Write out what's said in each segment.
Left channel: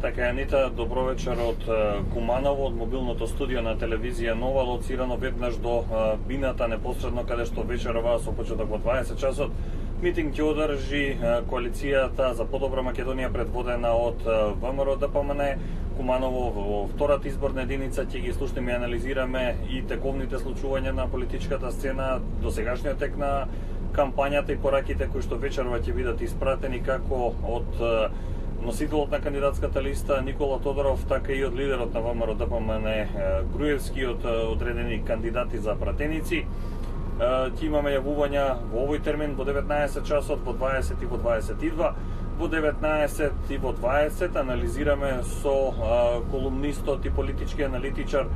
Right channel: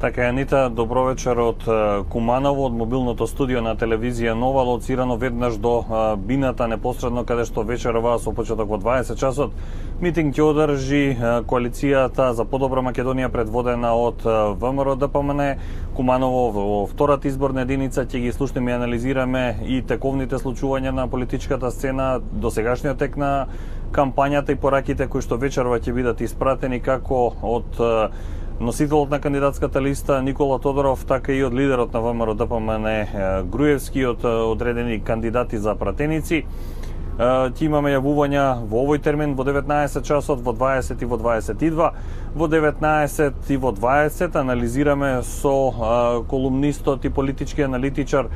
Така, Анита, добро вечер од Куманово, од мобилното студио на телевизија Нова, лоцирано веднаш до бината, непосредно каде што вечерова со почеток во 20 часот митинг ќе одржи коалицијата за подобра Македонија предводена од ВМРО ДПМН. Куманово во втората изборна единица ќе ги слушнеме и анализираме и тековните случувања на политичката сцена, досегашниот тек на кампањата и пораките кои што вечерова ќе бидат испратени како од носителот на кандидатската листа Никола Тодоров, така и од лидерот на ВМРО ДПМН Груевски, од одредени кандидати за пратеници. Ќе имаме јавувања во овој термин во 19 часот, во 20 и во 22. Во 19 и во 20 анализираме со колумнистот и политички аналитичар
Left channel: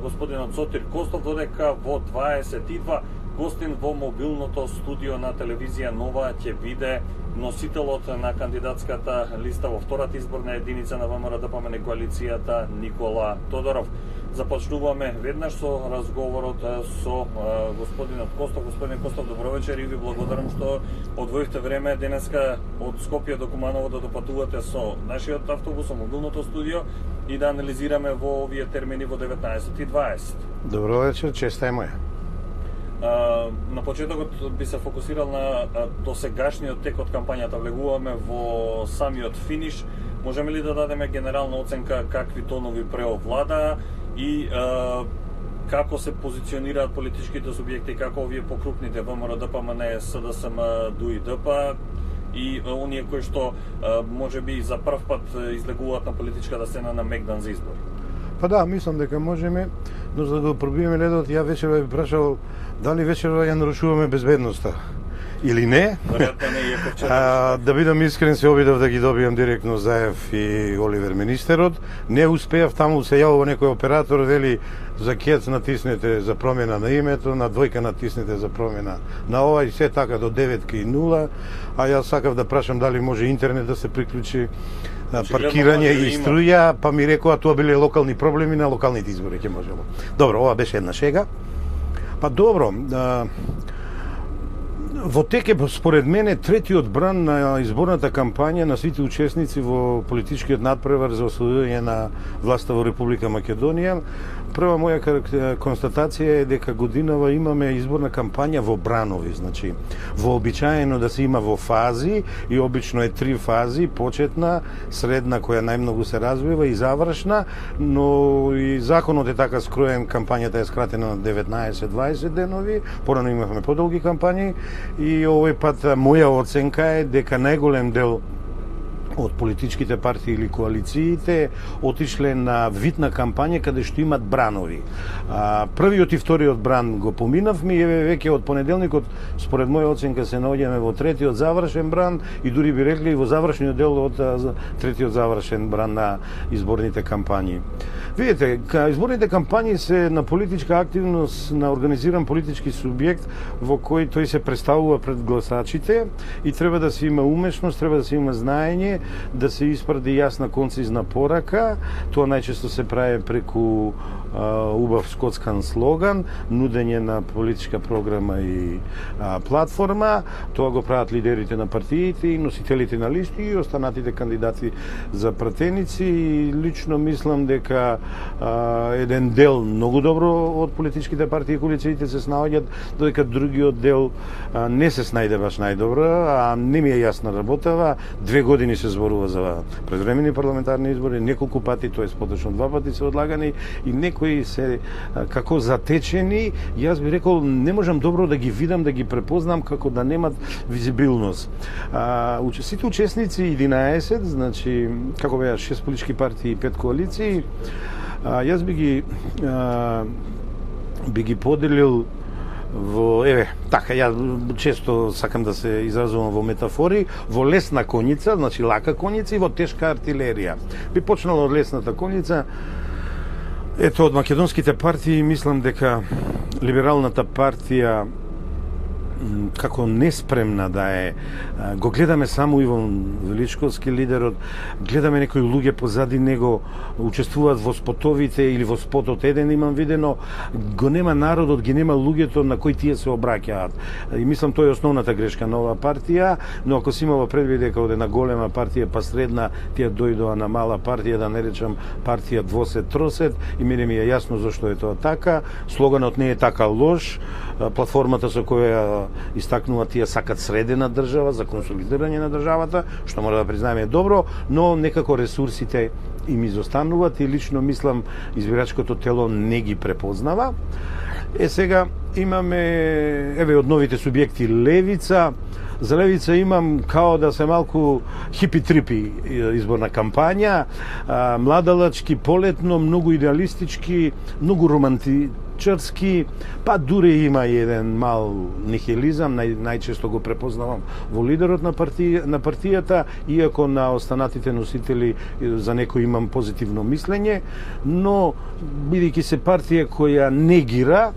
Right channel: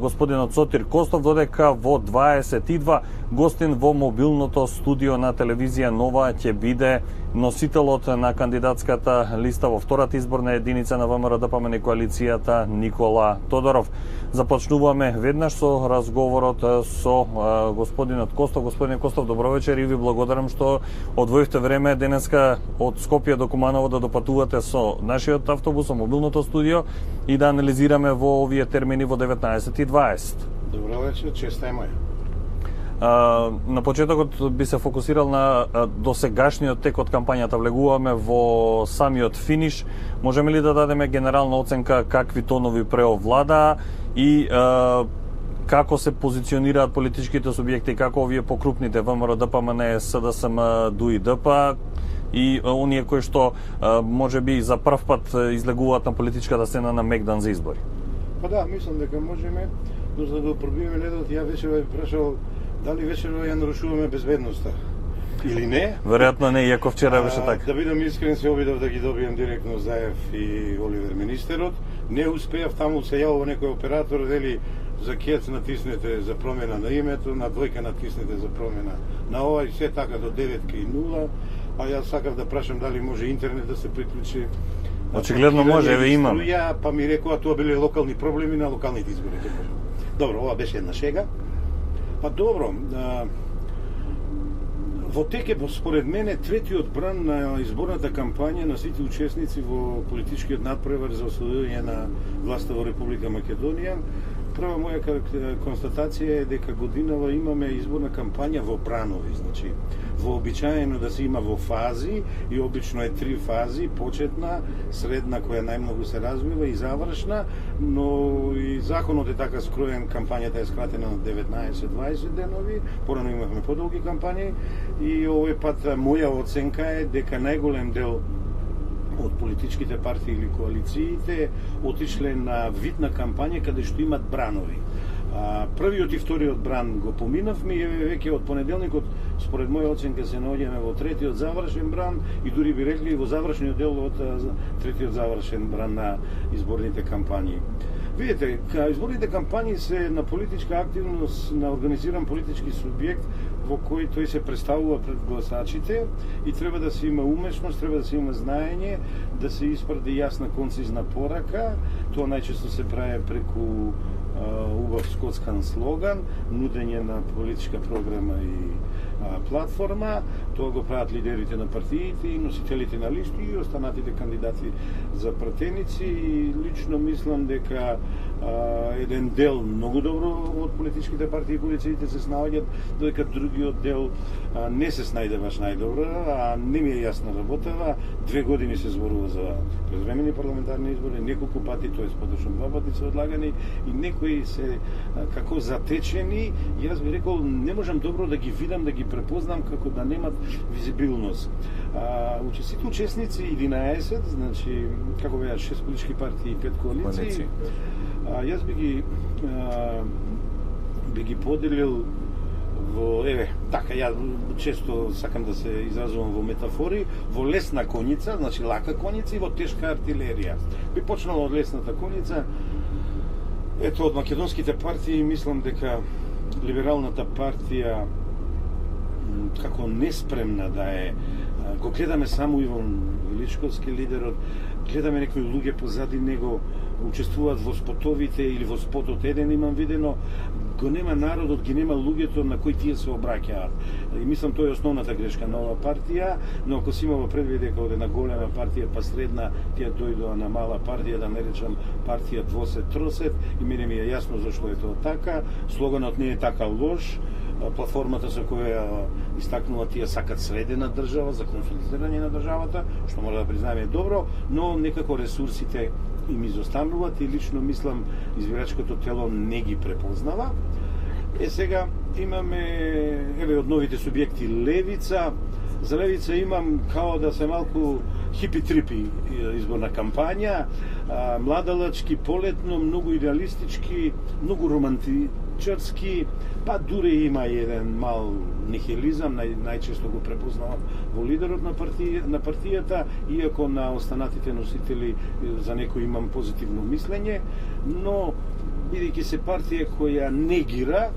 господинот Сотир Костов, додека во 22 гостин во мобилното студио на телевизија Нова ќе биде носителот на кандидатската листа во втората изборна единица на ВМРО ДПМН коалицијата Никола Тодоров. Започнуваме веднаш со разговорот со господинот Костов. Господин Костов, добро вечер и ви благодарам што одвоивте време денеска од Скопје до Куманово да допатувате со нашиот автобус, со мобилното студио и да анализираме во овие термини во 19:20. Добро вечер, честа е моја. На почетокот би се фокусирал на досегашниот тек од кампањата. Влегуваме во самиот финиш. Можеме ли да дадеме генерална оценка какви тонови преовладаа и како се позиционираат политичките субјекти, како овие покрупните ВМРО, ДПМН, СДСМ, ДУИ-ДП и оние кои што можеби за прв пат излегуваат на политичката сцена на мегдан за избори? Па да, мислам дека можеме, но за да пробиеме ледот, ја вечерва ви прашал дали вечерва ја нарушуваме безбедноста или не. Веројатно не, иако вчера беше така. Да бидам искрен, се обидов да ги добијам директно Заев и Оливер министерот. Не успеав, таму се јавува некој оператор, вели за кец натиснете за промена на името, на двојка натиснете за промена на ова и се така до 9:0, а јас сакав да прашам дали може интернет да се приклучи, паркирање и струја, па ми рекоа тоа биле локални проблеми на локалните избори ќе можело. Добро, ова беше една шега. Па добро, во тек е според мене третиот бран на изборната кампања на сите учесници во политичкиот надпревар за освојување на власта во Република Македонија. Прва моја констатација е дека годинава имаме изборна кампања во бранови, значи вообичаено да се има во фази и обично е 3 фази, почетна, средна која најмногу се развива и завршна, но и законот е така скроен, кампањата е скратена на 19-20 денови, порано имавме подолги кампањи и овој пат моја оценка е дека најголем дел од политичките партии или коалициите отишле на вид на кампања каде што имат бранови. Првиот и вториот бран го поминавме и веќе од понеделникот според моја оценка се наоѓаме во третиот завршен бран и дури би рекли во завршниот дел од третиот завршен бран на изборните кампањи. Видите, изборните кампањи се на политичка активност на организиран политички субјект во кој тој се представува пред гласачите и треба да се има умешност, треба да се има знаење, да се испради јасна концизна порака. Тоа најчесто се прави преку убав скотскан слоган, нудење на политичка програма и платформа. Тоа го прават лидерите на партиите и носителите на листи и останатите кандидати за пратеници. И лично мислам дека еден дел многу добро од политичките партии и коалициите се снаоѓат, додека другиот дел не се снајде баш најдобро, а не ми е јасна работава. 2 години се зборува за предвремени парламентарни избори, неколку пати, тоест поточно 2 пати се одлагани и некои се како затечени. Јас би рекол не можам добро да ги видам, да ги препознам како да немат визибилност. Сите учесници 11, значи како беа 6 политички партии и 5 коалиции. Јас би ги поделил во, така, ја често сакам да се изразувам во метафори, во лесна коњица, значи лака коњица и во тешка артилерија. Би почнала од лесната коњица. Ето, од македонските партии, мислам дека Либералната партија како неспремна да е. Го гледаме само Иван Величковски, лидерот, гледаме некои луѓе позади него, учествуваат во спотовите или во спотот еден имам видено, го нема народот, ги нема луѓето на кои тие се обраќаат. И мислам тоа е основната грешка на оваа партија, но ако си имало предвид дека од една голема партија па средна тие дојдоа на мала партија, да не речам партија двосет тросет, и мене ми е јасно зашто е тоа така. Слоганот не е така лош. Платформата со која истакнува тие сакат средена држава за консолидирање на државата, што мора да признаеме е добро, но некако ресурсите им изостануваат и лично мислам избирачкото тело не ги препознава. Сега имаме од новите субјекти Левица. За Левица имам као да се малку хипи-трипи изборна кампања, младалачки, полетно, многу идеалистички, многу романтичарски, па дури има и еден мал нихилизам, најчесто го препознавам во лидерот на партијата, иако на останатите носители за некој имам позитивно мислење, но бидејќи се партија која негира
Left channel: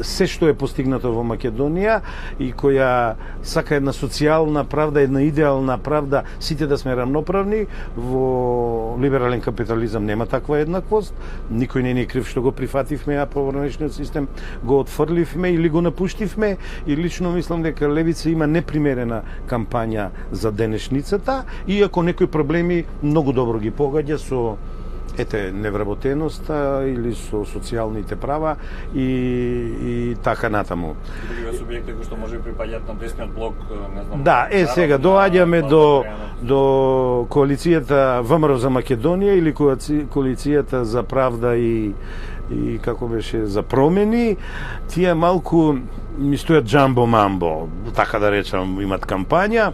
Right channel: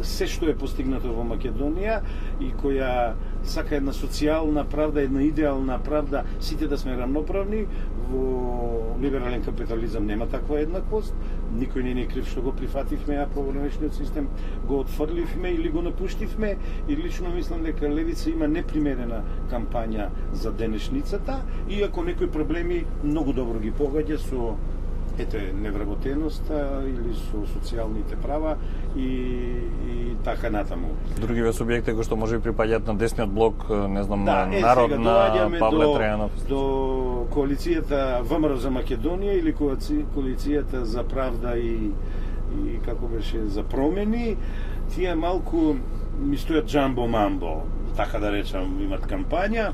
се што е постигнато во Македонија и која сака една социјална правда, една идеална правда, сите да сме рамноправни, во либерален капитализам нема таква еднаквост, никој не ни е крив што го прифативме, а по граничниот систем го отфрливме или го напуштивме, и лично мислам дека Левица има непримерена кампања за денешницата, иако некои проблеми многу добро ги погаѓа со невработеноста или со социјалните права и така натаму. Другиве субјекти кои што може би припаѓаат на десниот блок, не знам, да, сега доаѓаме до коалицијата ВМРО за Македонија или коалицијата за правда и како беше за промени. Тие малку ми стојат джамбо-мамбо, така да речам, имат кампања,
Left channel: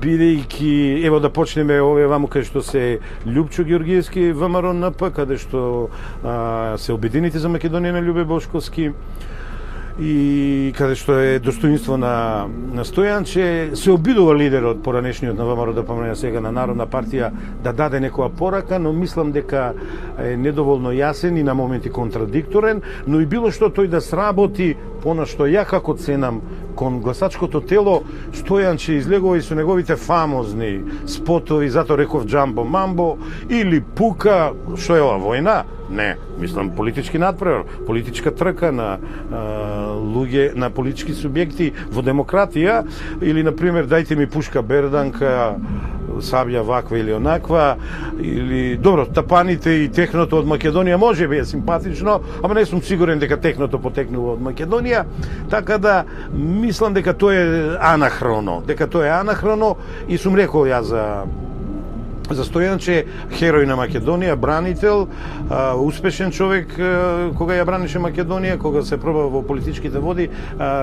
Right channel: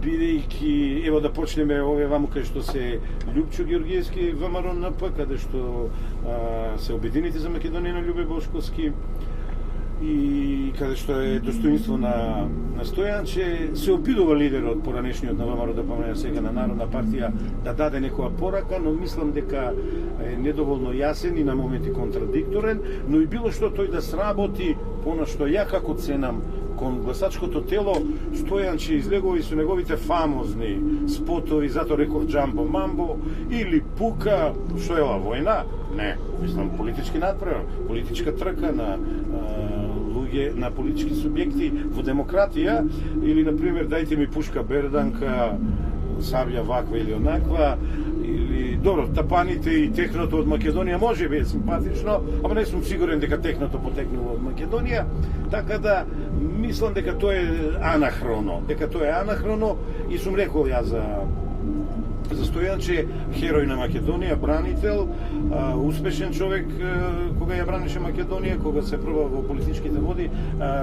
бидејќи, ево да почнеме овие ваму каде што се Љупчо Георгиевски ВМРО НП, каде што се Обединети за Македонија на Љубе Бошковски, и каде што е достоинство на Стојанче, се обидува лидерот поранешниот на ВМРО да помине сега на Народна партија да даде некоја порака, но мислам дека е недоволно јасен и на моменти контрадикторен, но и било што тој да сработи, понашто ја како ценам кон гласачкото тело, Стојанче излегува и со неговите фамозни спотови, затоа реков джамбо мамбо, или пука, што е ова, војна? Не, мислам политички надпревар, политичка трка на луѓе, на политички субјекти во демократија, или, например, дајте ми пушка берданка, сабја ваква или онаква, или, добро, тапаните и техното од Македонија може би е симпатично, ама не сум сигурен дека техното потекнува од Македонија, така да мислам дека тоа е анахроно, и сум рекол ја за Стојанче, херој на Македонија, бранител, успешен човек кога ја бранеше Македонија, кога се проба во политичките води,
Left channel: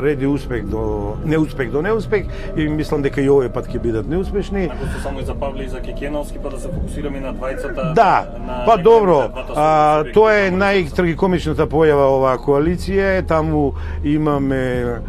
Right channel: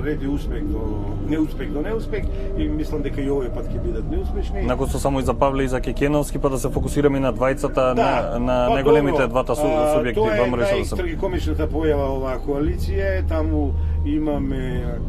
реди успех до неуспех, и мислам дека и овој пат ќе бидат неуспешни. Након што само и за Павле и за Кекеновски, па да се фокусираме на двајцата, на па добро, двата субјекти. Тоа е најтрагикомичната појава оваа коалиција, таму имаме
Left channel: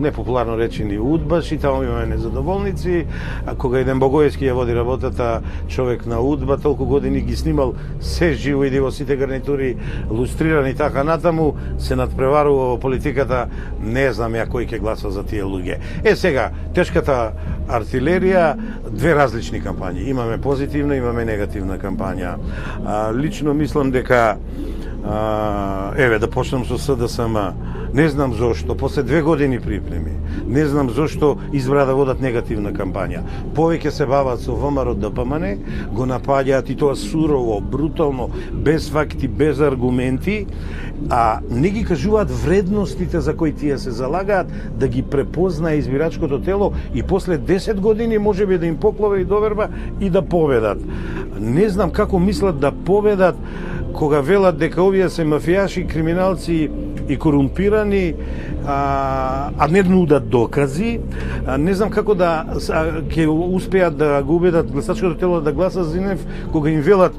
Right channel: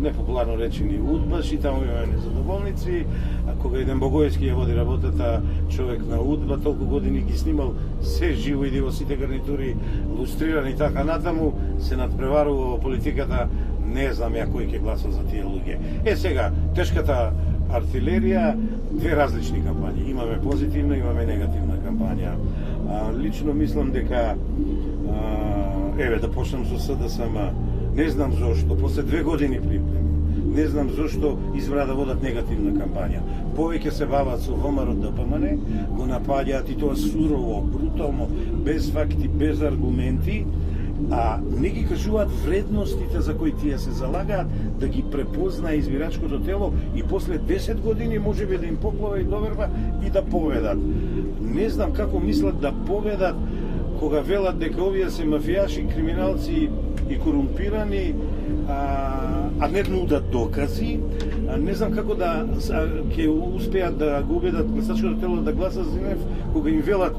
непопуларно речени удбаши, таму имаме незадоволници, а кога еден Богоевски ја води работата, човек на удба, толку години ги снимал се живо, иде во сите гарнитури, лустрирани така натаму, се надпреварува во политиката, не знам ја кој ќе гласа за тие луѓе. Сега, тешката артилерија, две различни кампањи. Имаме позитивна, имаме негативна кампања. Лично мислам дека, да почнам со СДСМ, не знам зошто, после 2 години припреми, не знам зошто избра да водат негативна кампања. Повеќе се бават со ВМРО ДПМН, го напаѓаат и тоа сурово, брутално, без факти, без аргументи, а не ги кажуваат вредностите за кои тие се залагаат, да ги препознае избирачкото тело и после 10 години може би да им поклове и доверба и да победат. Не знам како мислат да победат кога велат дека овие се мафијаши, криминалци и корумпирани, а не нудат докази. Не знам како да ќе успеат да го убедат гласачкото тело да гласа за нив, кога им велат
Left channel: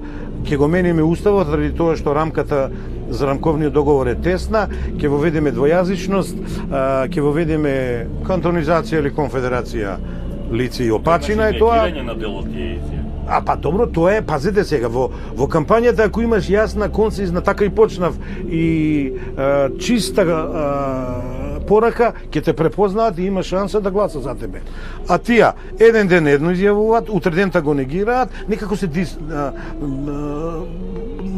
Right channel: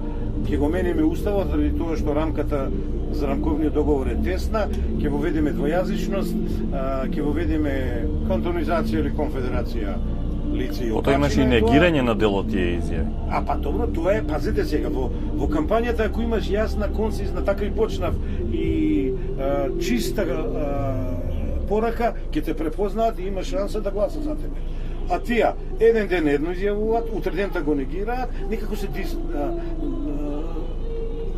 ќе го мениме уставот заради тоа што рамката за рамковниот договор е тесна, ќе воведеме двојазичност, ќе воведеме кантонизација или конфедерација лица и опачина е тоа. Негирање на дел од тие изјави. Па добро, тоа е, пазете сега, во кампањата ако имаш јасна, концизна, така и почнав, и чиста порака, ќе те препознаат и има шанса да гласа за тебе. А тие еден ден едно изјавуваат, утре дента го негираат, некако се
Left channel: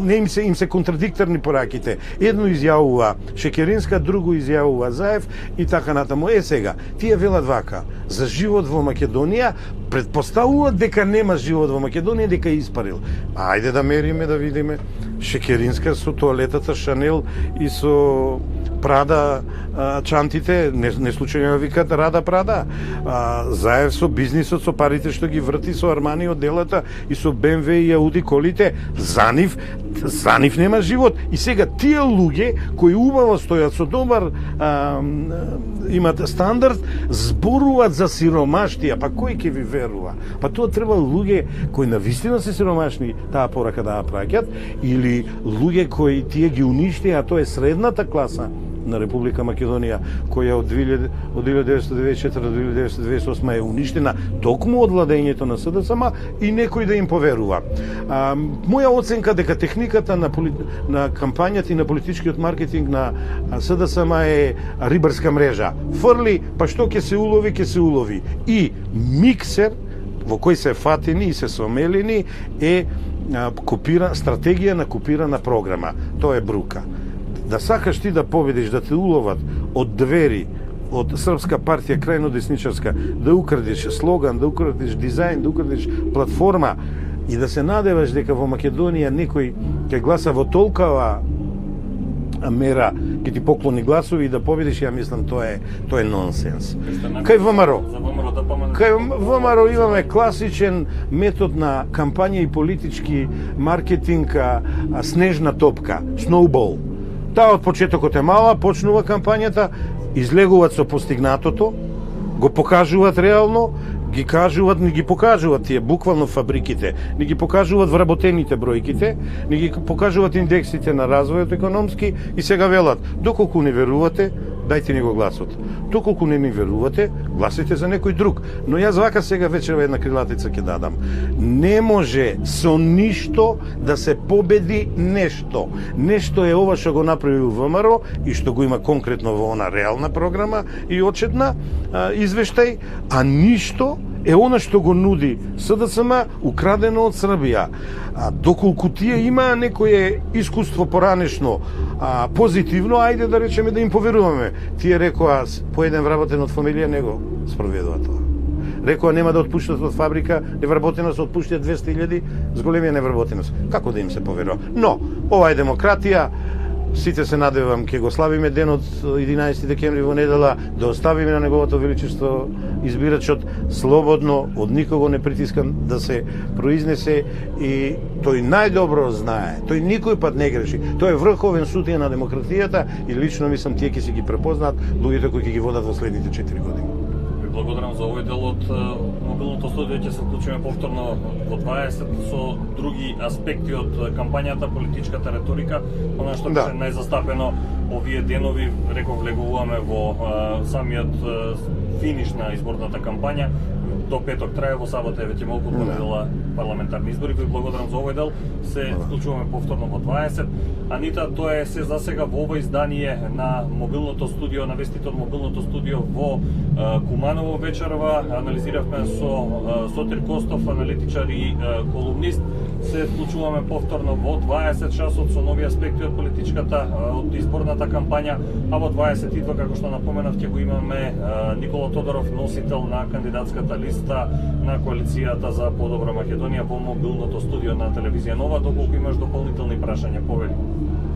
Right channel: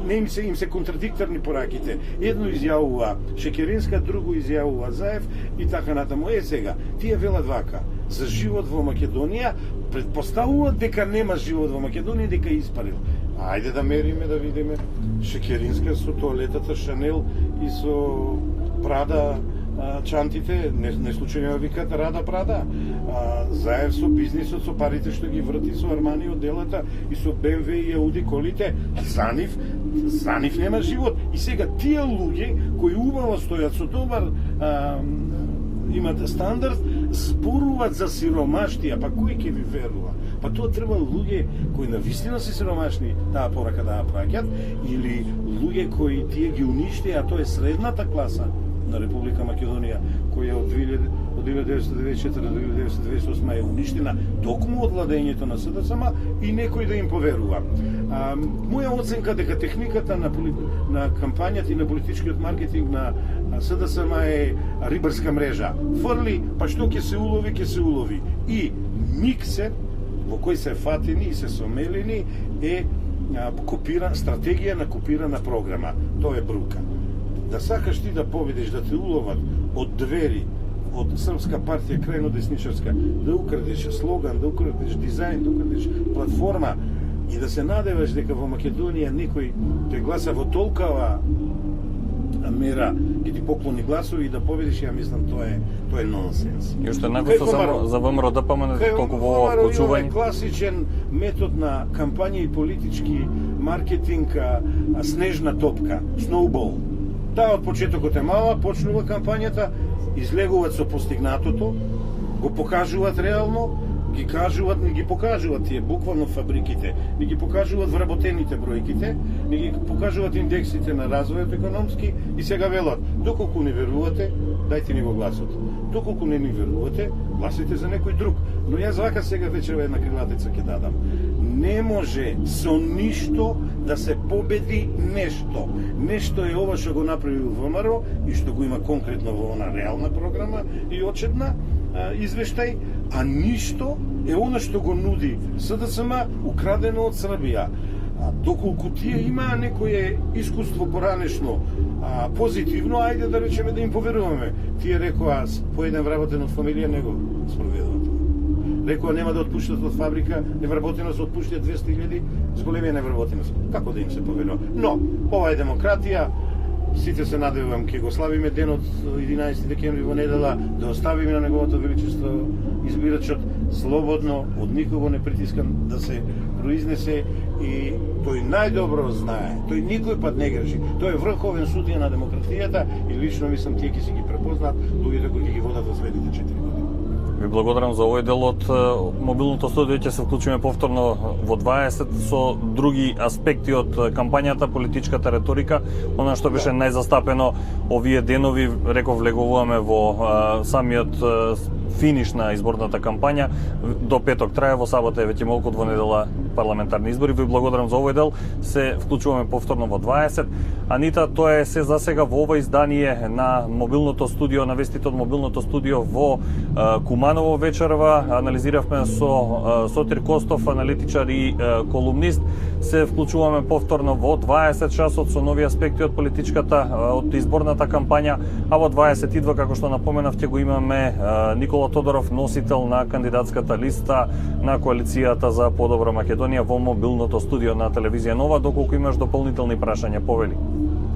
не им се контрадикторни пораките. Едно изјавува Шекеринска, друго изјавува Заев и така натаму. Сега, тие велат вака, за живот во Македонија, предпоставуваат дека нема живот во Македонија, дека е испарил. Ајде да мериме, да видиме. Шекеринска со тоалетата Шанел и со Прада чантите, не случајно викат Рада Прада. Заев со бизнисот, со парите што ги врти, со Армани одделата и со БМВ и Ауди колите, за нив нема живот. И сега тие луѓе кои убаво стојат со добар имат стандард, зборуваат за сиромаштија, па кој ќе ви верува? Па тоа треба луѓе кои навистина се сиромашни таа порака да ја праќат, или луѓе кои тие ги уништија, а тоа е средната класа на Република Македонија, која од 1994 до 1998 е уништена токму од владењето на СДСМ и некој да им поверува. Моја оценка дека техниката на кампањата и на политичкиот маркетинг на СДСМ е рибарска мрежа. Фрли, па што ќе се улови. И миксер во кој се фатени и се сомелени е стратегија на копирана програма. Тоа е брука. Да сакаш ти да победиш, да те уловат од двери, од Српска партија крајно десничарска, да украдиш слоган, да украдиш дизајн, да украдиш платформа и да се надеваш дека во Македонија некој ќе гласа во толкова мера, ќе ти поклони гласови и да победиш, ја мислам тоа е нонсенс. Кај ВМРО, за ВМРО да поминеш, кај ВМРО имаме класичен метод на кампања и политички маркетинг, снежна топка, сноубол. Таа од почетокот е мала, почнува кампањата, излегуваат со постигнатото, го покажуваат реално, ги кажуваат, не ги покажуваат тие буквално фабриките, не ги покажуваат вработените бројките, не ги покажуваат индексите на развојот економски и сега велат, доколку не верувате, дајте ни го гласот. Доколку не ни верувате, гласите за некој друг. Но јас вака сега вечерва една крилатица ќе дадам. Не може со ништо да се победи нешто. Нешто е ова што го направи ВМРО и што го има конкретно во она реална програма и отчетна извештај, а ништо е она што го нуди СДСМ украдено од Србија. Доколку тие имаа некое искуство поранешно позитивно, ајде да речеме да им поверуваме. Тие рекоа по еден вработен од фамилија не го спроведува тоа. Рекоа нема да отпуштат од фабрика, невработеност отпуштат 200.000 с големија невработеност. Како да им се поверува? Но, ова е демократија, сите се надевам ќе го славиме денот 11 декември во недела, да оставиме на неговото величество избирачот слободно, од никого не притискан да се произнесе и тој најдобро знае. Тој никој пат не греши. Тој е врховен судија на демократијата и лично мислам тие ќе се ги препознаат луѓето кои ќе ги водат во следните 4 години. Ви благодарам за овој дел од мобилното студио. Ќе се вклучиме повторно во 20 со други аспекти од кампањата, политичката реторика, она што беше најзастапено овие денови. Реков, влегуваме во самиот финиш на изборната кампања. До петок трае, во сабота е веќе малку, во недела парламентарни избори. Ви благодарам за овој дел. Се вклучуваме повторно во 20. Анита, тоа е се за сега во ова издание на мобилното студио, на вестите од мобилното студио во Куманово вечерва. Анализиравме со Сотир Костов, аналитичар и колумнист. Се вклучуваме повторно во 20 часот со нови аспекти од политичката, од изборната кампања, а во 22, како што напоменав, ќе го имаме Никола Тодоров, носител на кандидатската листа на коалицијата за подобра Македонија во мобилното студио на телевизија Нова. Доколку имаш дополнителни прашања, повели.